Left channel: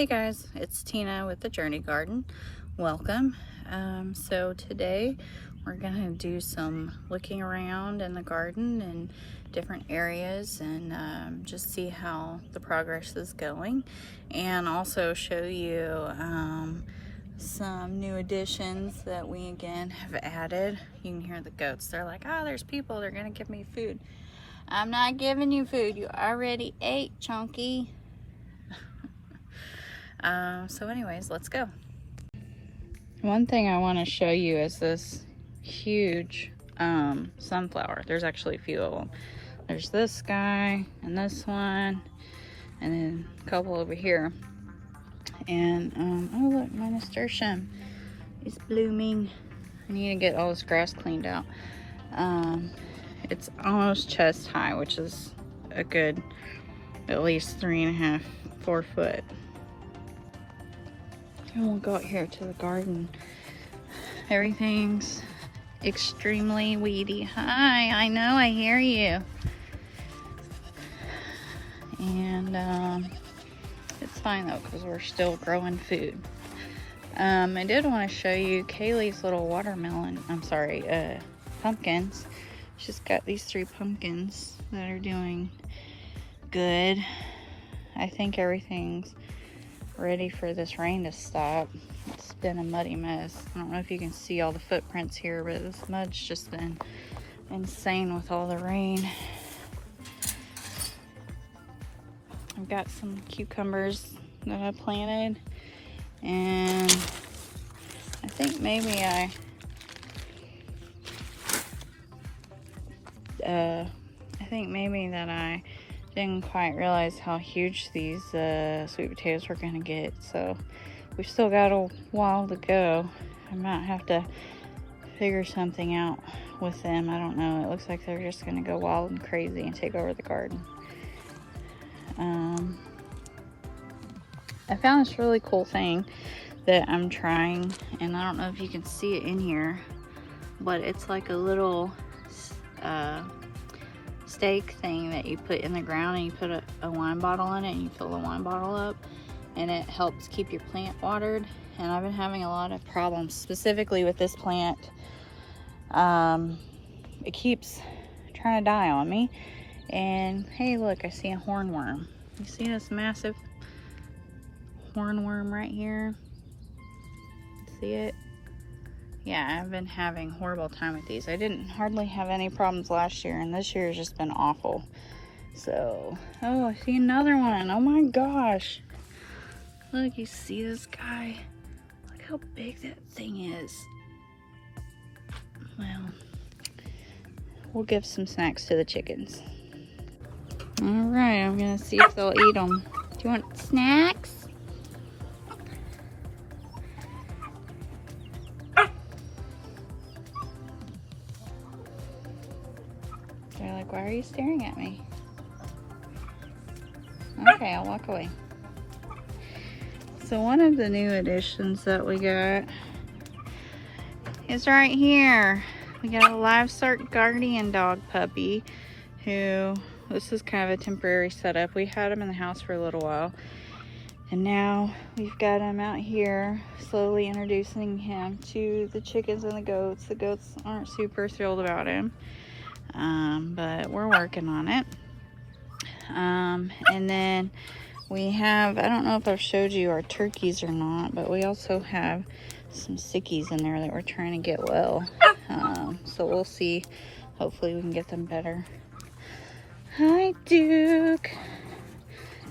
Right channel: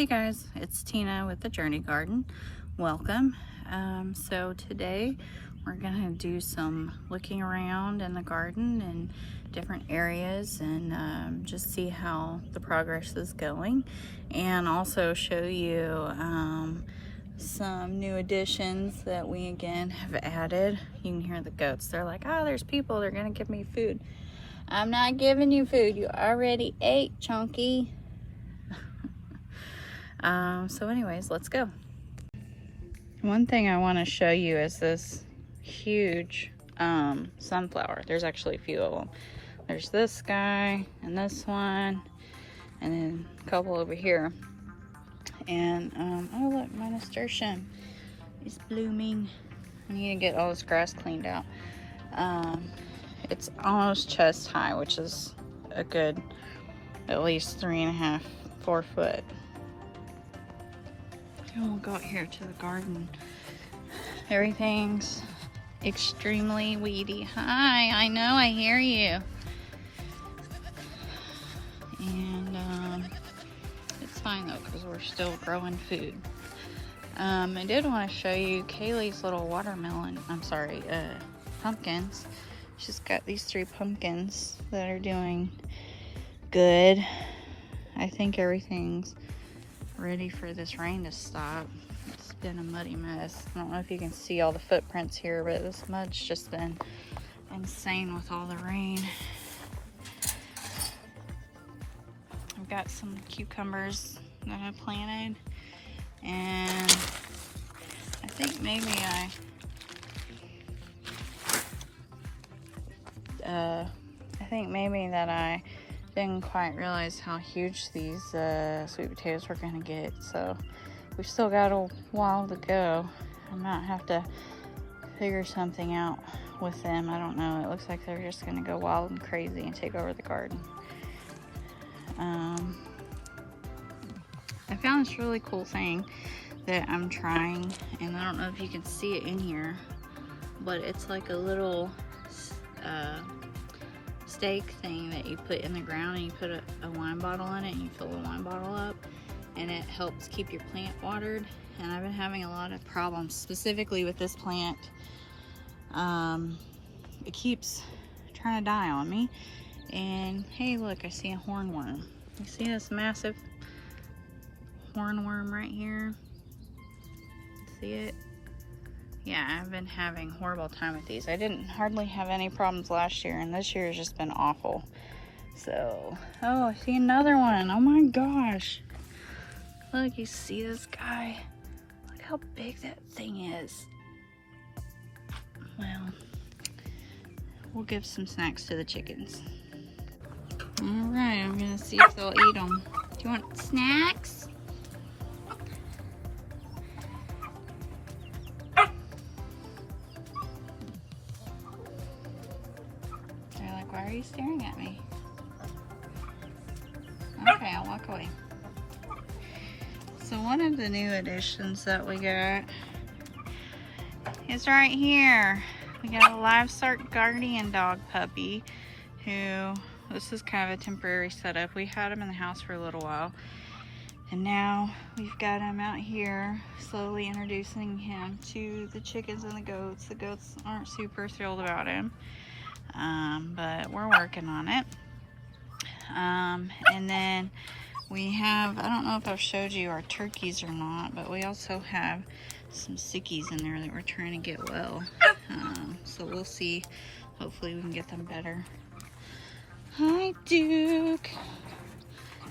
Hey guys, it's Tina with the Journey Garden. Welcome. So today we're gonna do some looking around in the garden and different areas and just see how the progress is going, and also show you some new additions that we again have added. You can hear the goats. They're like, oh, there's people, they're gonna give me food. I'm not giving you food. You already ate, Chunky. So anyways, let's go. One thing I want to show you is this huge sunflower. There's actually a few of them. There's this guy and this one and then a couple over here. And oh look, my nasturtium is blooming. I need to get all this grass cleaned out. It's almost chest high, which is a good at least 3.5, 4 foot. And we'll go out here to the garden. Everything's extremely weedy. Hi, I know, I hear you. And it's fine though, because we're still growing food. I did want to show you Kaylee's little watermelon, pumpkins. She's got these 3 pumpkins that are doing good. I think everything's ready for this rain to stop. It's been a muddy mess. I don't know if you can see all the footprints here, but this mud's just been insane with all the rain. I've got some cucumbers that I planted, and I think maybe that I didn't quite realize how huge these sweet potatoes were gonna get, so we've still got a while to go. I might have to figure something out with them. I don't know. It looks like they're just gonna go wild and crazy and take over the garden. I found this really cool thing that I'm trying, and I don't know if you can see it in here, but it's like a little stake thing that you put in the ground, and you put a wine bottle in it, and you fill the wine bottle up, and it helps keep your plant watered. And I've been having a lot of problems specifically with this plant. It keeps trying to die on me. And hey, look, I see a hornworm. You see this massive hornworm right here? See it? Yeah, I've been having a horrible time with these. I didn't hardly have any problems last year, and this year has just been awful. So, oh, I see another one. Oh my gosh. Look, you see this guy? Look how big that thing is. Well, we'll give some snacks to the chickens. All right, I'm gonna see if they'll eat them. Do you want snacks? They're like, why are you staring at me? Okay, I'll walk away. So one of the new additions that we got is right here. We got a livestock guardian dog puppy who, this is kind of a temporary setup. We had him in the house for a little while, and now we've got him out here, slowly introducing him to the chickens and the goats. The goats aren't super thrilled about him, but we're working on it. And then we have, I don't know if I've showed you our turkeys or not, but we also have some sickies in there that we're trying to get well. So we'll see. Hopefully we can get them better. Hi, Duke.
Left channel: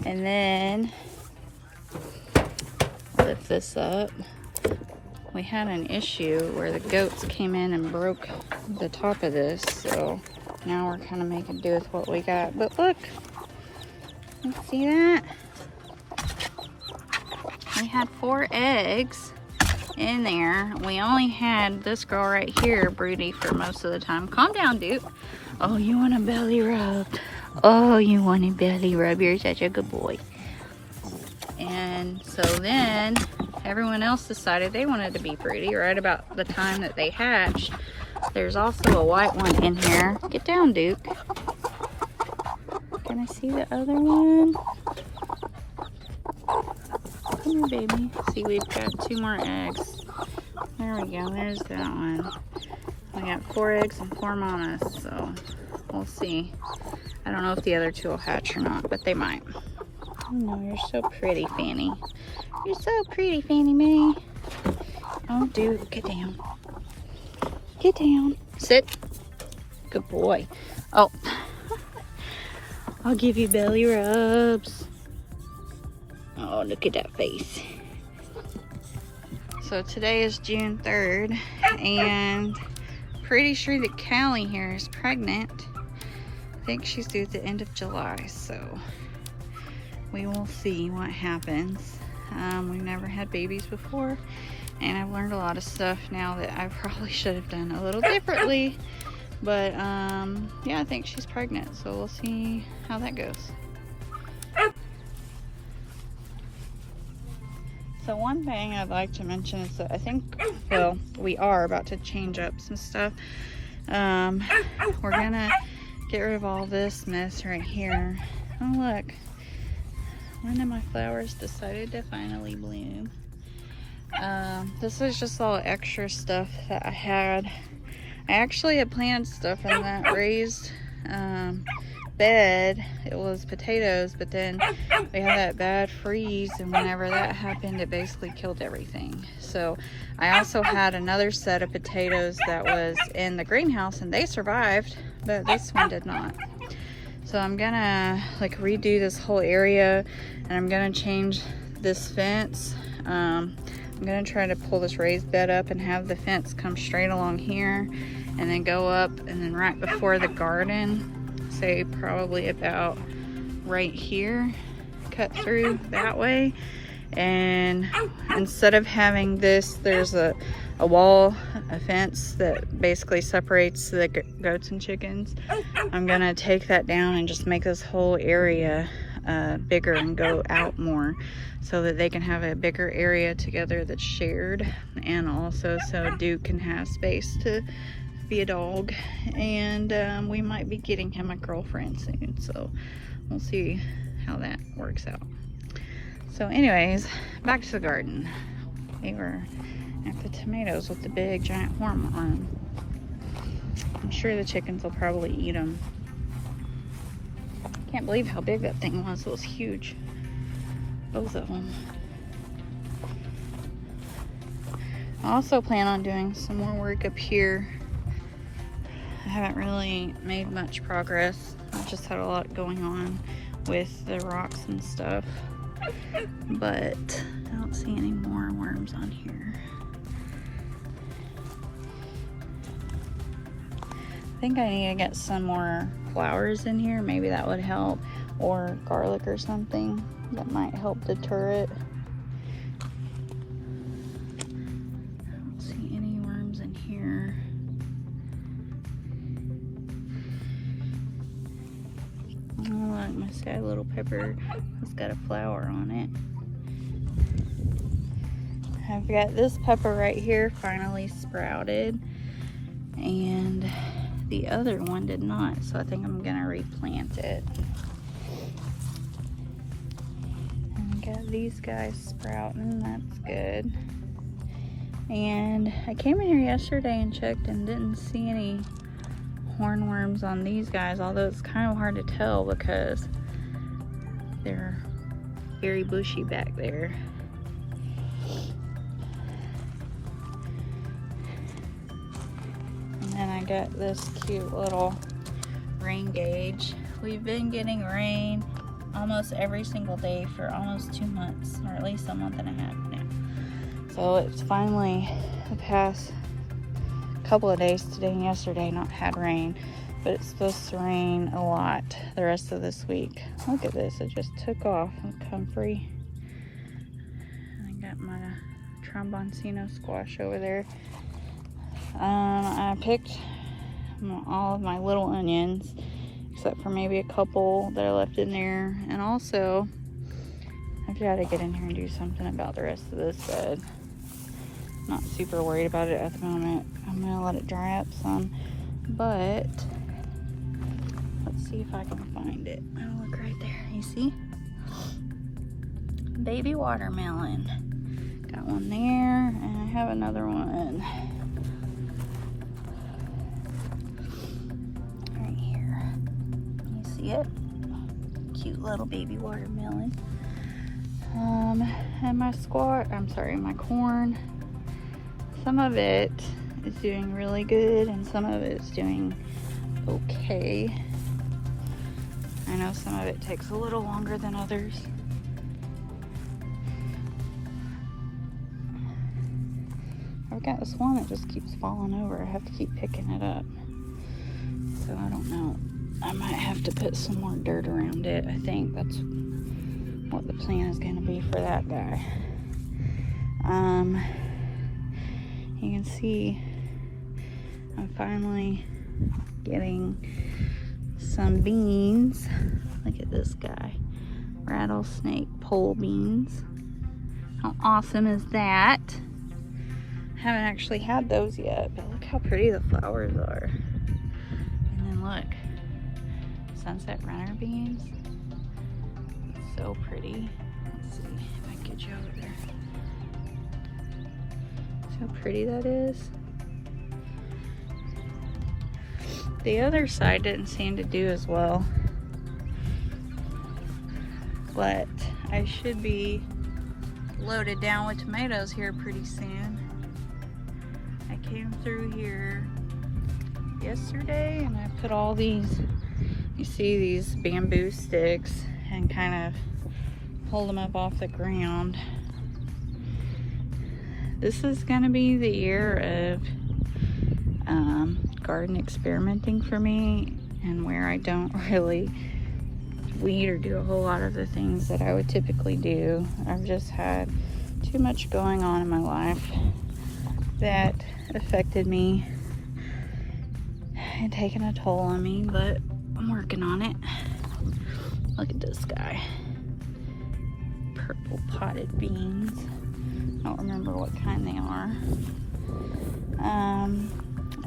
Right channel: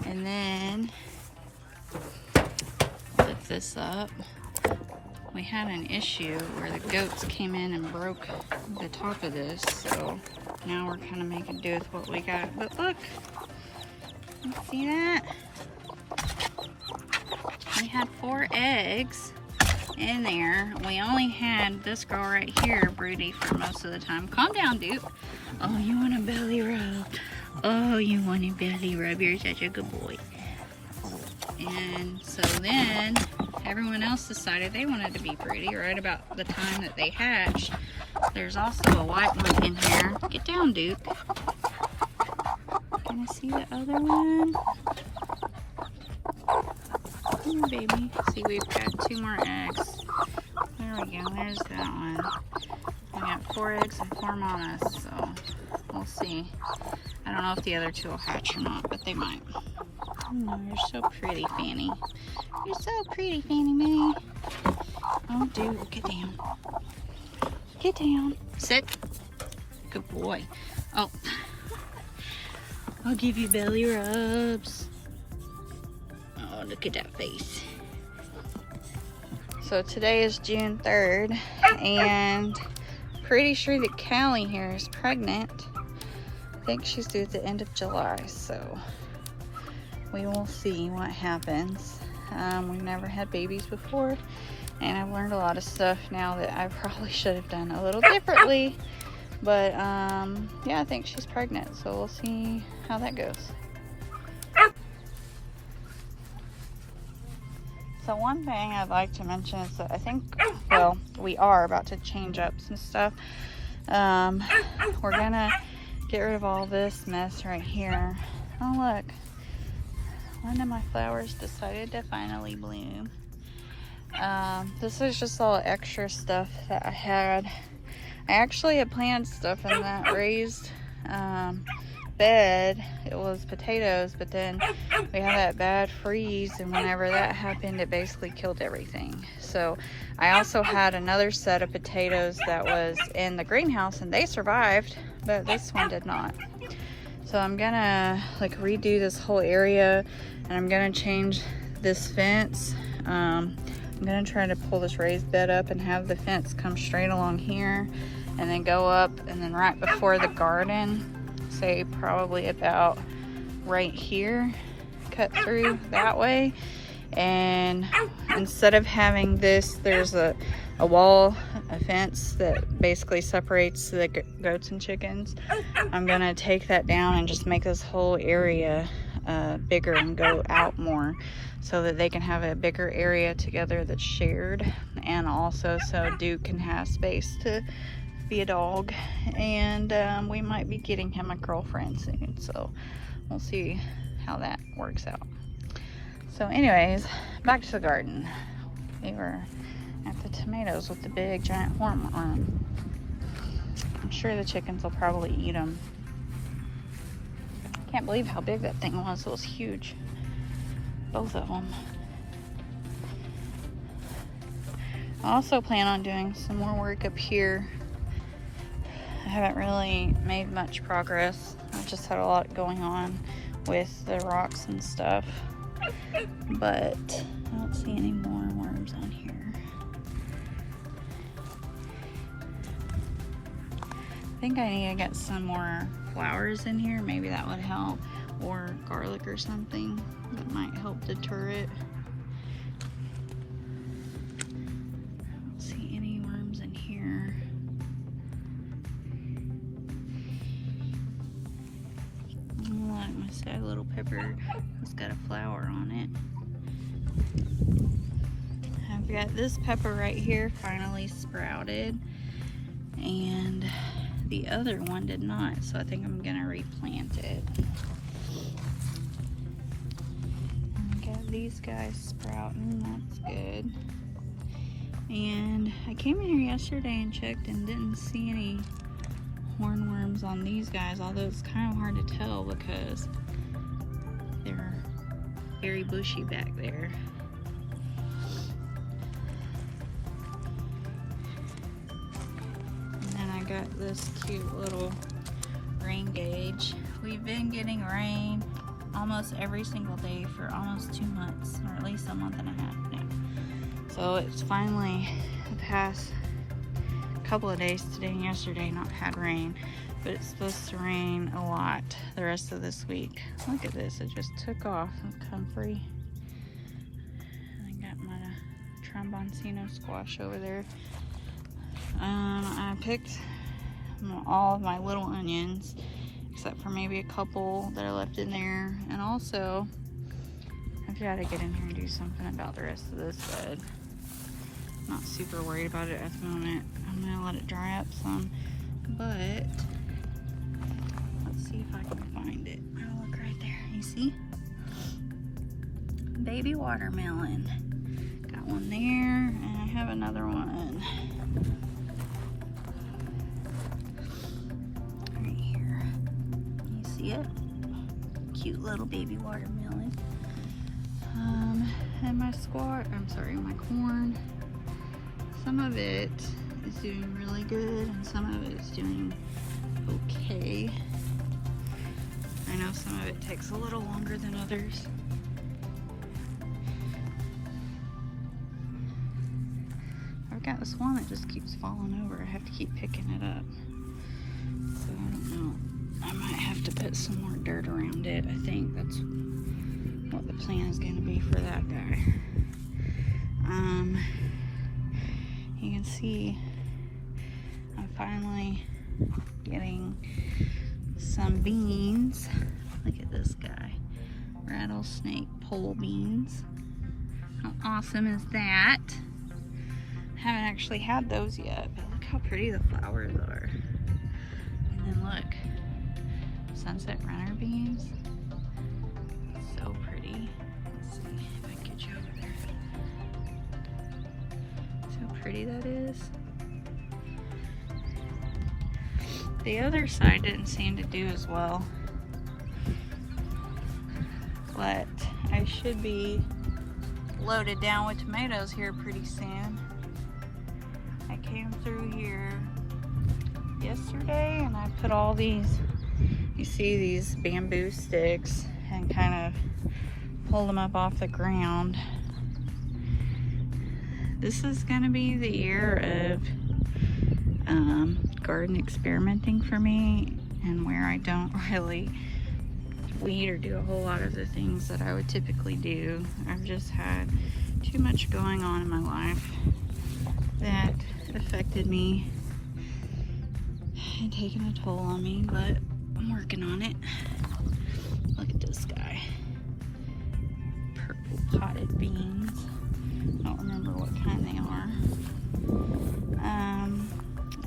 And then, lift this up. We had an issue where the goats came in and broke the top of this, so now we're kind of making do with what we got. But look, you see that? We had 4 eggs in there. We only had this girl right here broody for most of the time. Calm down, Duke. Oh, you want a belly rub? Oh, you want a belly rub? You're such a good boy. And so then everyone else decided they wanted to be broody right about the time that they hatched. There's also a white one in here. Get down, Duke. Can I see the other one? Come on, baby. See, we've got 2 more eggs. There we go. There's that one. We got 4 eggs and 4 mamas, so we'll see. I don't know if the other 2 will hatch or not, but they might. Oh, you're so pretty, Fanny. You're so pretty, Fannie Mae. Oh, dude, get down. Get down. Sit. Good boy. Oh, I'll give you belly rubs. Oh, look at that face. So today is June 3rd, and pretty sure that Callie here is pregnant. I think she's due at the end of July, so we will see what happens. We've never had babies before, and I've learned a lot of stuff now that I probably should have done a little differently. But yeah, I think she's pregnant, so we'll see how that goes. So one thing I'd like to mention is that I think, well, we are about to change up some stuff. We're gonna get rid of all this mess right here. Oh look, one of my flowers decided to finally bloom. This is just all extra stuff that I had. I actually had planted stuff in that raised bed. It was potatoes, but then we had that bad freeze, and whenever that happened, it basically killed everything. So I also had another set of potatoes that was in the greenhouse, and they survived, but this one did not. So I'm gonna like redo this whole area, and I'm gonna change this fence. I'm gonna try to pull this raised bed up and have the fence come straight along here and then go up, and then right before the garden, say probably about right here, cut through that way. And instead of having this, there's a wall, a fence that basically separates the goats and chickens. I'm gonna take that down and just make this whole area bigger and go out more, so that they can have a bigger area together that's shared, and also so Duke can have space to be a dog. And we might be getting him a girlfriend soon, so we'll see how that works out. So anyways, back to the garden. We were at the tomatoes with the big giant horn on. I'm sure the chickens will probably eat them. Can't believe how big that thing was. It was huge. Both of them. I also plan on doing some more work up here. I haven't really made much progress. I just had a lot going on with the rocks and stuff. But I don't see any more worms on here. I think I need to get some more flowers in here. Maybe that would help. Or garlic or something. That might help deter it. I don't see any worms in here. Oh, look, my sky little pepper has got a flower on it. I've got this pepper right here finally sprouted, and the other one did not, so I think I'm gonna replant it. Got these guys sprouting, that's good. And I came in here yesterday and checked and didn't see any hornworms on these guys, although it's kind of hard to tell because they're very bushy back there. And then I got this cute little rain gauge. We've been getting rain almost every single day for almost 2 months, or at least a month and a half now. So it's finally the past couple of days, today and yesterday, not had rain, but it's supposed to rain a lot the rest of this week. Look at this, it just took off and comfrey. I got my tromboncino squash over there. I picked all of my little onions, except for maybe a couple that are left in there. And also, I've got to get in here and do something about the rest of this bed. Not super worried about it at the moment. I'm gonna let it dry up some, but let's see if I can find it. Oh, look right there, you see? baby watermelon. Got one there, and I have another one right here. You see it? Cute little baby watermelon. And my my corn, some of it is doing really good and some of it is doing okay. I know some of it takes a little longer than others. I've got this one that just keeps falling over. I have to keep picking it up. So I don't know. I might have to put some more dirt around it. I think that's what the plan is going to be for that guy. You can see I'm finally getting some beans. Look at this guy. Rattlesnake pole beans. How awesome is that? I haven't actually had those yet, but look how pretty the flowers are. And then look, sunset runner beans. So pretty. Let's see if I can get you over there. See how pretty that is. The other side didn't seem to do as well, but I should be loaded down with tomatoes here pretty soon. I came through here yesterday and I put all these, you see these bamboo sticks, and kind of pulled them up off the ground. This is gonna be the year of garden experimenting for me, and where I don't really weed or do a whole lot of the things that I would typically do. I've just had too much going on in my life that affected me and taken a toll on me, but I'm working on it. Look at this guy. Purple potted beans. I don't remember what kind they are.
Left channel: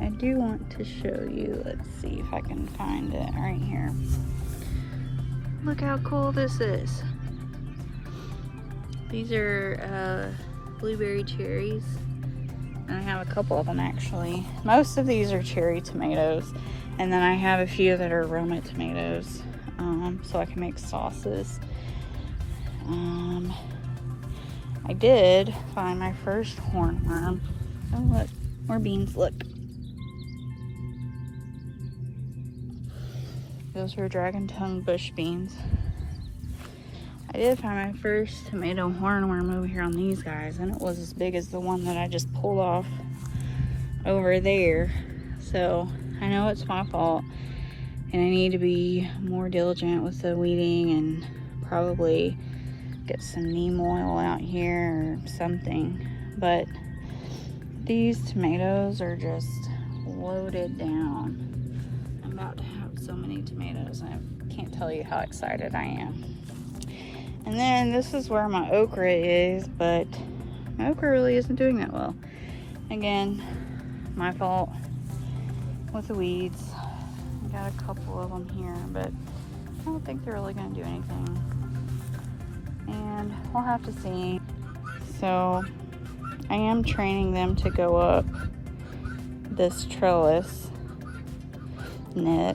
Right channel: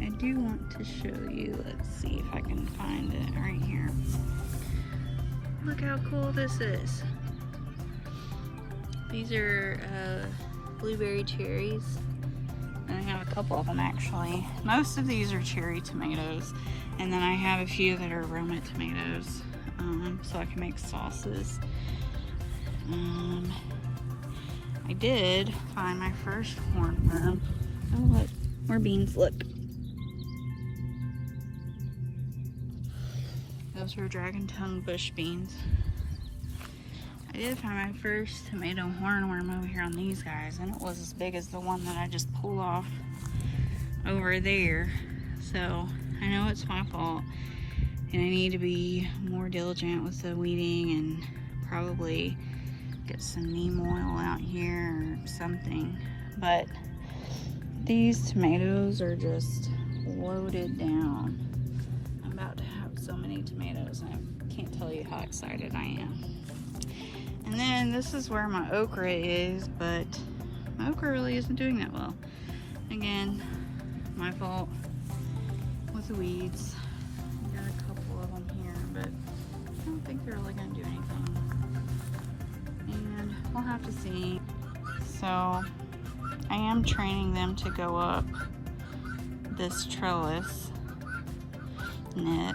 I do want to show you, let's see if I can find it right here. Look how cool this is. These are blueberry cherries. And I have a couple of them actually. Most of these are cherry tomatoes. And then I have a few that are Roma tomatoes. So I can make sauces. I did find my first hornworm. Oh look, more beans, look. Those are dragon tongue bush beans. I did find my first tomato hornworm over here on these guys, and it was as big as the one that I just pulled off over there. So I know it's my fault, and I need to be more diligent with the weeding and probably get some neem oil out here or something. But these tomatoes are just loaded down. I'm about to have so many tomatoes, and I can't tell you how excited I am. And then this is where my okra is, but my okra really isn't doing that well. Again, my fault with the weeds. I got a couple of them here, but I don't think they're really going to do anything. And we'll have to see. So I am training them to go up this trellis net.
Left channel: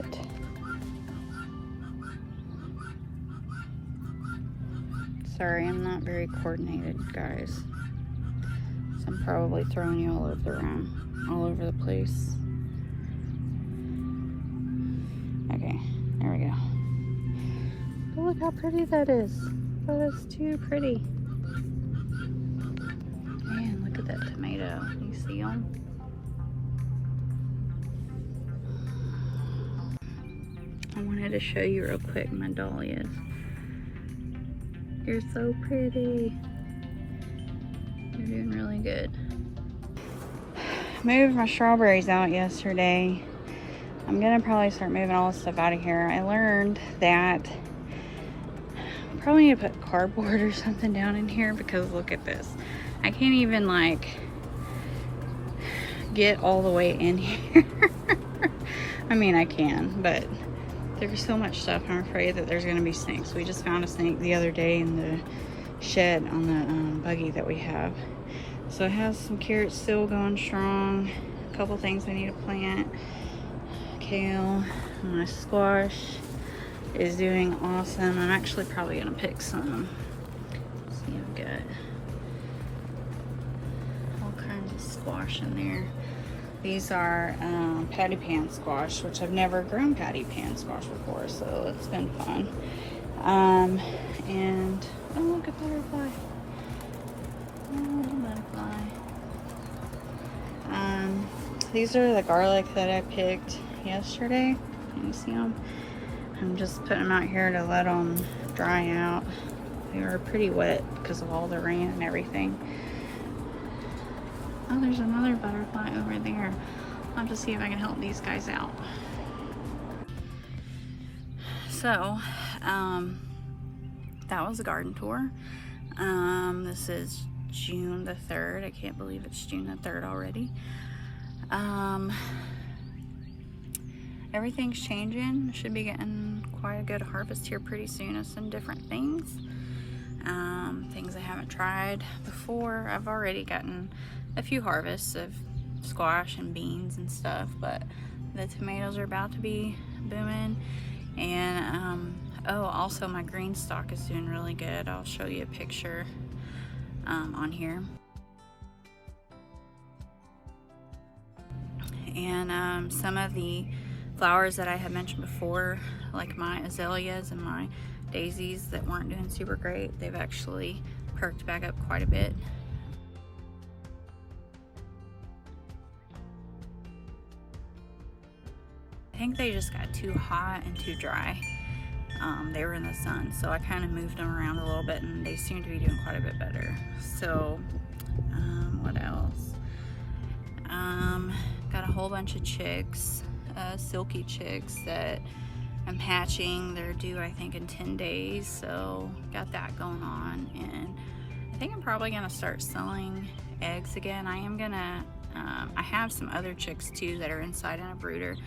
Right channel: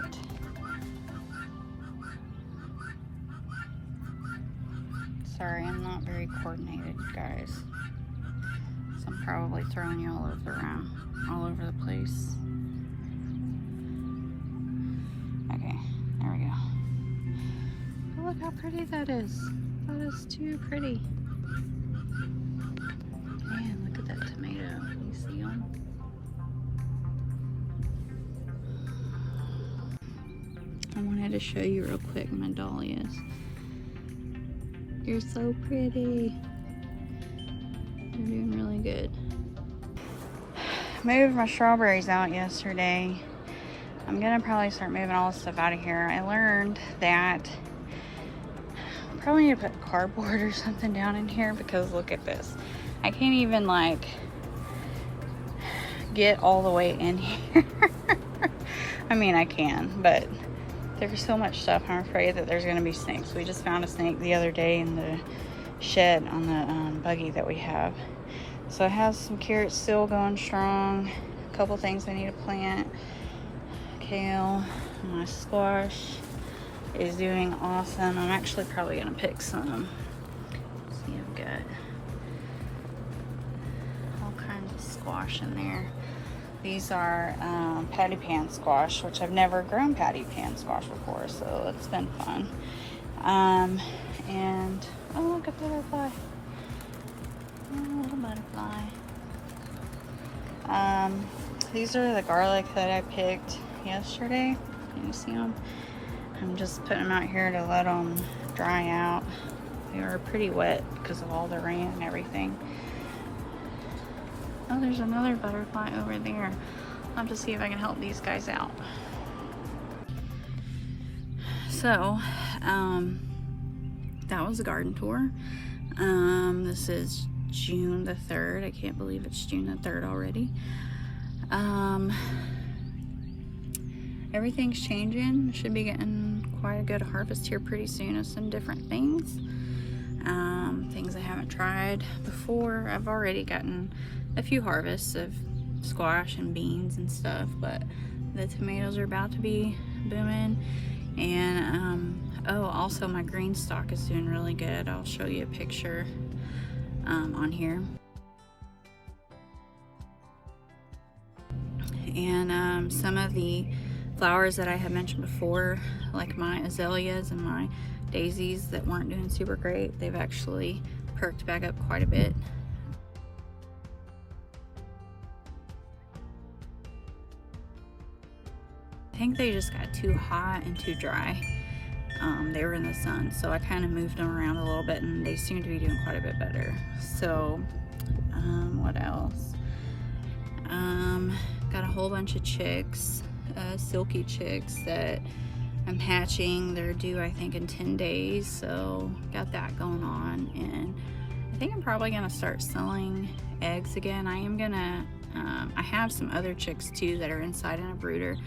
Sorry, I'm not very coordinated, guys. So I'm probably throwing you all over the place. Okay, there we go. But look how pretty that is. That is too pretty. Man, look at that tomato. You see them? I wanted to show you real quick my dahlias. You're so pretty. You're doing really good. Moved my strawberries out yesterday. I'm gonna probably start moving all this stuff out of here. I learned that I probably need to put cardboard or something down in here, because look at this. I can't even like get all the way in here. I mean, I can, but there's so much stuff. I'm afraid that there's gonna be snakes. We just found a snake the other day in the shed on the buggy that we have. So I have some carrots still going strong. A couple things I need to plant. Kale, my squash is doing awesome. I'm actually probably gonna pick some. See, I've got all kinds of squash in there. These are patty pan squash, which I've never grown patty pan squash before, so it's been fun. And oh, look at the little fly. Oh, little butterfly. These are the garlic that I picked yesterday. Can you see them? I'm just putting them out here to let them dry out. They were pretty wet because of all the rain and everything. Oh, there's another butterfly over there. I'll have to see if I can help these guys out. So, that was the garden tour. This is June the 3rd. I can't believe it's June the 3rd already. Everything's changing. Should be getting quite a good harvest here pretty soon of some different things. Things I haven't tried before. I've already gotten a few harvests of squash and beans and stuff, but the tomatoes are about to be booming. And oh, also my green stalk is doing really good. I'll show you a picture on here. And some of the flowers that I had mentioned before, like my azaleas and my daisies that weren't doing super great, they've actually perked back up quite a bit. I think they just got too hot and too dry. They were in the sun, so I kind of moved them around a little bit and they seem to be doing quite a bit better. So what else? Got a whole bunch of chicks, silky chicks that I'm hatching. They're due, I think, in 10 days, so got that going on. And I think I'm probably gonna start selling eggs again. I am gonna, I have some other chicks too that are inside in a brooder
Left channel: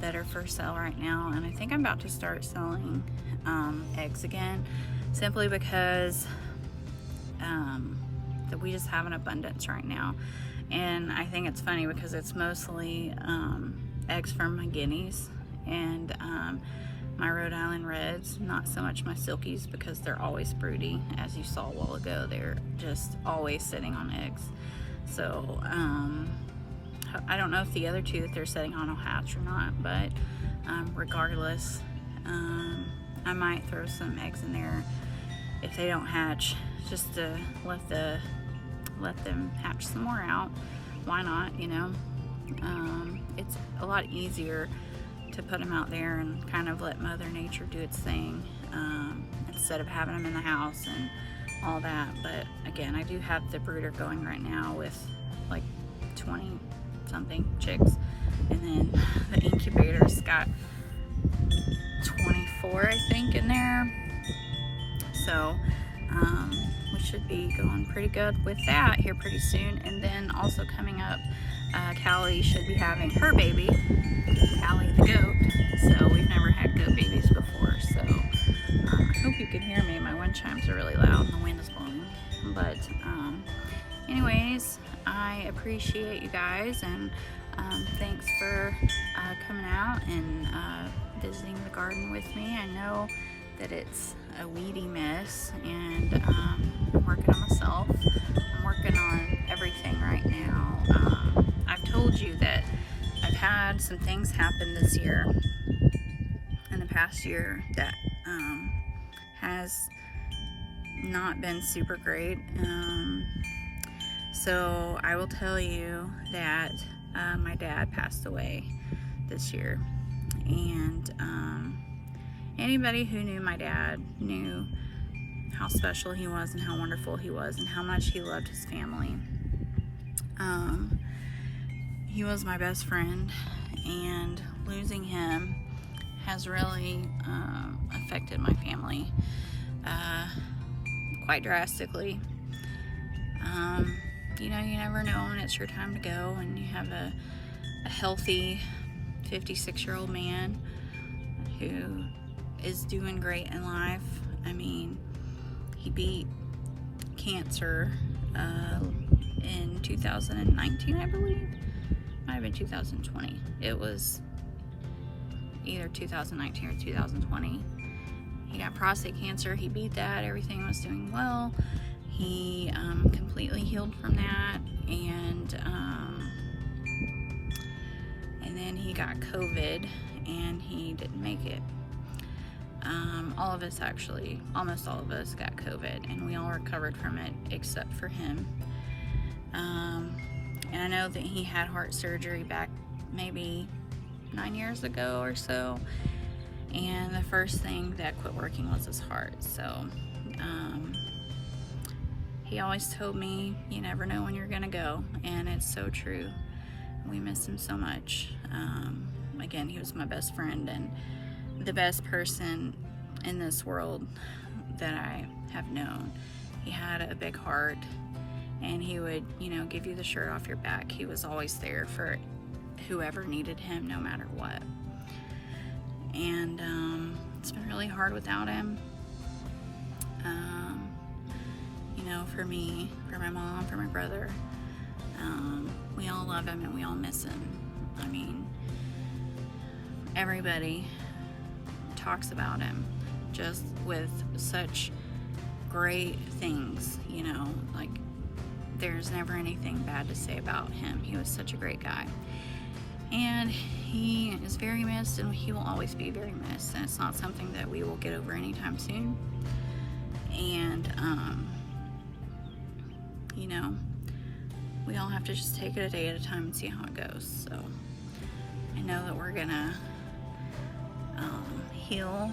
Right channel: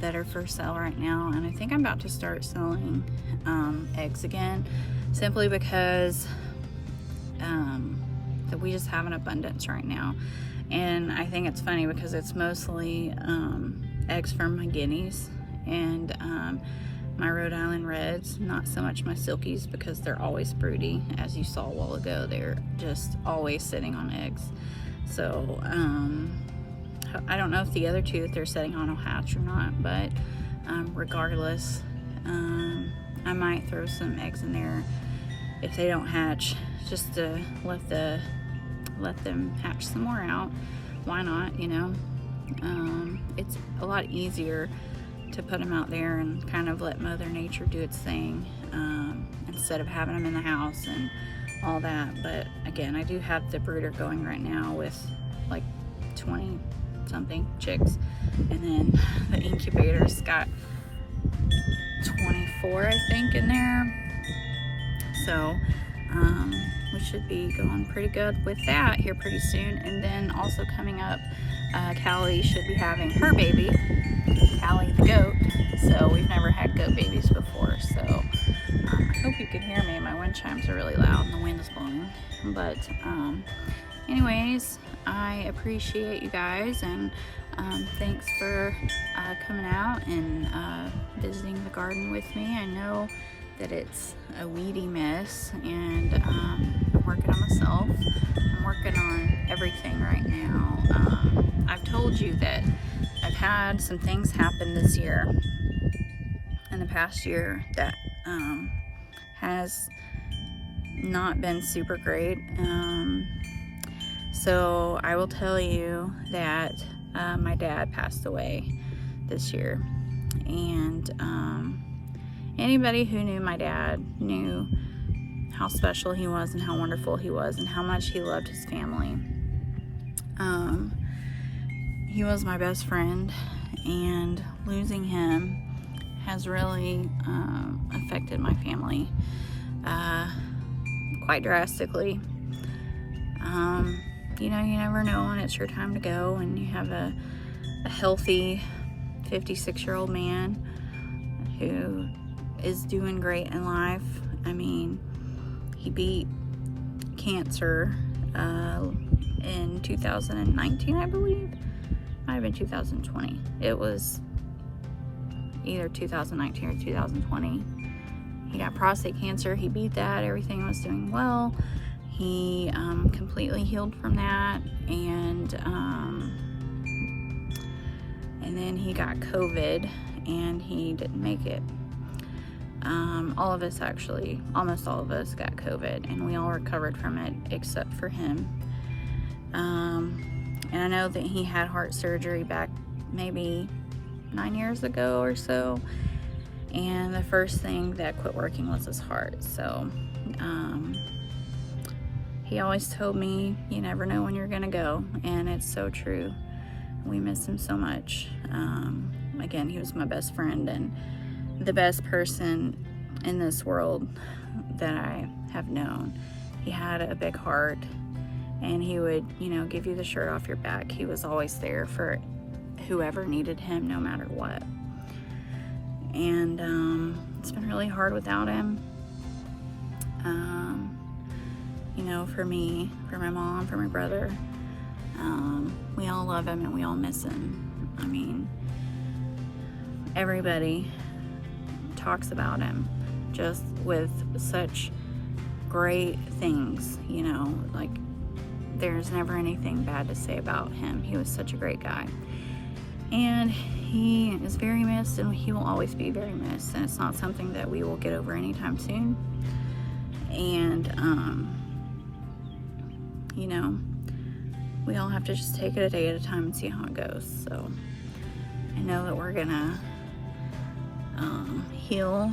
that are for sale right now, and I think I'm about to start selling eggs again, simply because that we just have an abundance right now. And I think it's funny because it's mostly eggs from my guineas and my Rhode Island Reds, not so much my silkies because they're always broody. As you saw a while ago, they're just always sitting on eggs. So I don't know if the other two that they're sitting on will hatch or not, but regardless, I might throw some eggs in there if they don't hatch, just to let them hatch some more out. Why not, you know? It's a lot easier to put them out there and kind of let Mother Nature do its thing, instead of having them in the house and all that. But again, I do have the brooder going right now with like 20 something chicks, and then the incubator's got 24, I think, in there. So we should be going pretty good with that here pretty soon. And then also coming up, Callie should be having her baby, Callie the goat. So we've never had goat babies before, so I hope you can hear me. My wind chimes are really loud and the wind is blowing. But anyways, I appreciate you guys, and thanks for coming out and visiting the garden with me. I know that it's a weedy mess, and I'm working on myself. I'm working on everything right now. I've told you that I've had some things happen this year, in the past year, that has not been super great. So I will tell you that my dad passed away this year, and anybody who knew my dad knew how special he was and how wonderful he was and how much he loved his family. He was my best friend, and losing him has really affected my family quite drastically. You know, you never know when it's your time to go, and you have a healthy 56-year-old man who is doing great in life. I mean, He beat cancer in 2019, I believe. Might have been 2020. It was either 2019 or 2020. He got prostate cancer. He beat that. Everything was doing well. He completely healed from that, and then he got COVID, and he didn't make it. All of us, actually, almost all of us got COVID, and we all recovered from it except for him. And I know that he had heart surgery back maybe 9 years ago or so, and the first thing that quit working was his heart. So he always told me, you never know when you're gonna go, and it's so true. We miss him so much. Again, he was my best friend and the best person in this world that I have known. He had a big heart, and he would, you know, give you the shirt off your back. He was always there for whoever needed him, no matter what. And it's been really hard without him. You know, for me, for my mom, for my brother, we all love him and we all miss him. I mean, everybody talks about him just with such great things, you know, like there's never anything bad to say about him. He was such a great guy, and he is very missed, and he will always be very missed, and it's not something that we will get over anytime soon. And you know, we all have to just take it a day at a time and see how it goes. So I know that we're gonna heal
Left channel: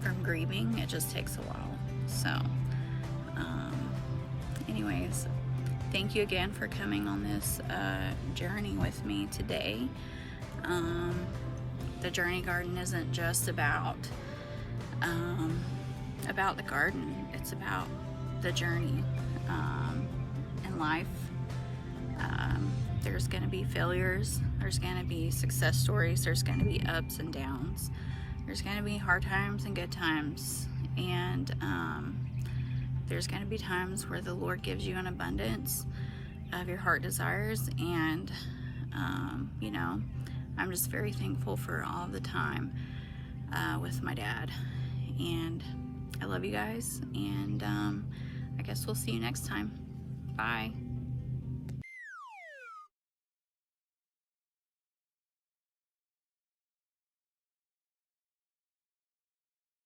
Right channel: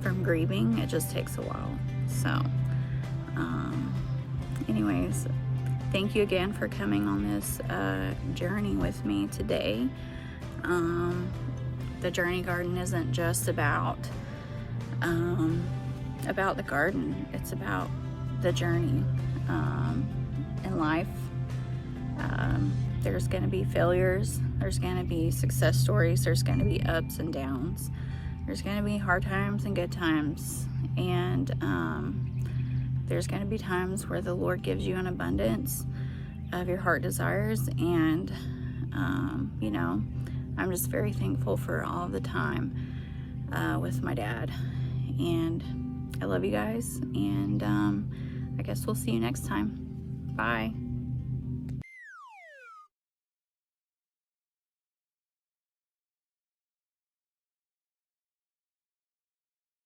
from grieving. It just takes a while. So anyways, thank you again for coming on this journey with me today. The Journey Garden isn't just about the garden. It's about the journey in life. There's going to be failures, there's going to be success stories, there's going to be ups and downs, there's going to be hard times and good times, and there's going to be times where the Lord gives you an abundance of your heart desires. And you know, I'm just very thankful for all the time with my dad, and I love you guys, and I guess we'll see you next time. Bye.